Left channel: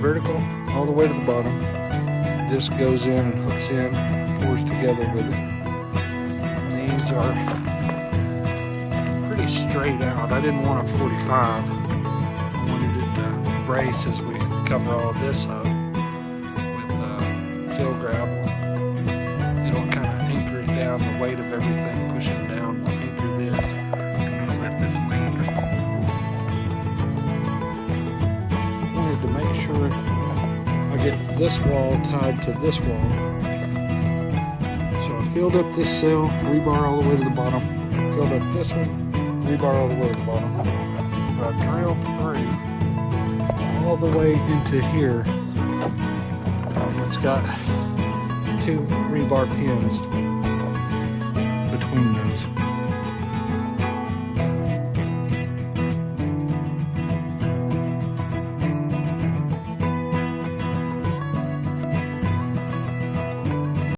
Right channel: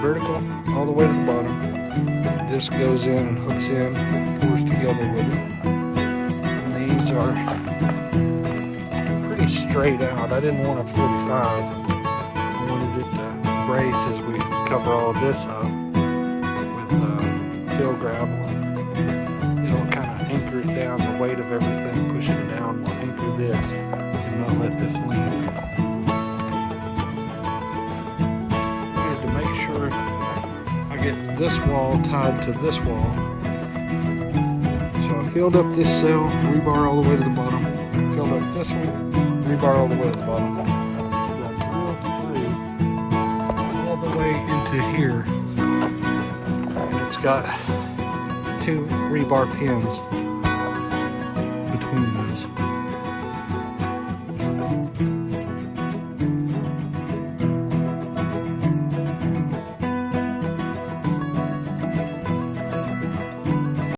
Vertical all the way to the bottom. This goes in and hooks in, pours together with it. And these are pretty straight out. I didn't want a 45. I wanted it to brace as we cover all this up with fill gravel. It'll kind of anchor it down. The weight of everything pushing down will anchor this and not let this lean. To make sure I get this wall tied to this wall. So I filled up this cell, rebar all the way to the bottom. Filled up this one, rebar all the way to the bottom. So I drilled through all the way into here, and it's got 2 rebar pins between those.